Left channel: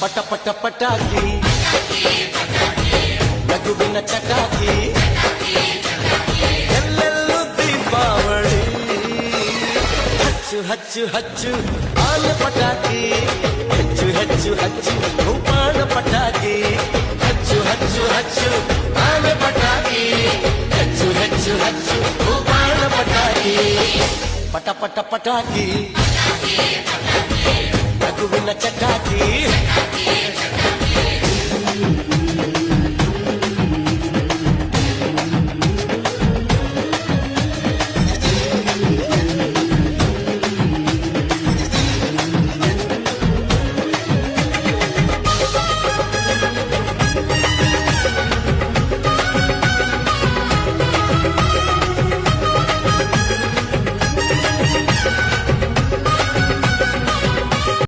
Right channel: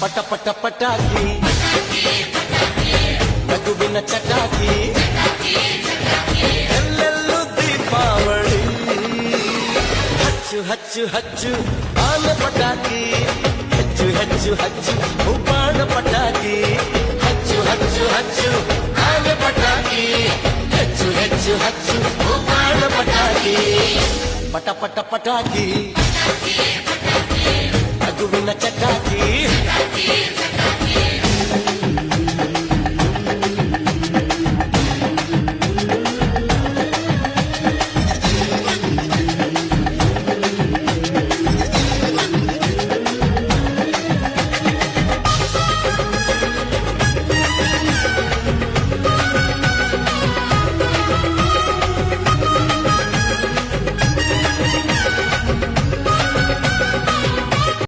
ಪಟ ಪಟ ಪಟಾಕಿ ನಗುವಿನ ಚಟಾಕಿ ಎಲ್ಲೆಲ್ಲೂ ದೀಪಾವಳಿ ಹಚ್ಚು ಹಚ್ಚು ಹಚ್ಚು ಆನೆ ಪಟಾಕಿ ಹೆಚ್ಚು ಹೆಚ್ಚು ಹಚ್ಚು ಉಪಾಣ ಪಟಾಕಿ ಹಚ್ಚು ಹಚ್ಚು ಹಚ್ಚು ಆನೆ ಪಟಾಕಿ ಹೆಚ್ಚು ಹೆಚ್ಚು ಹಚ್ಚು ಉಪಾಣ ಪಟಾಕಿ ಪಟ ಪಟ ಪಟಾಕಿ ನಗುವಿನ ಚಟಾಕಿ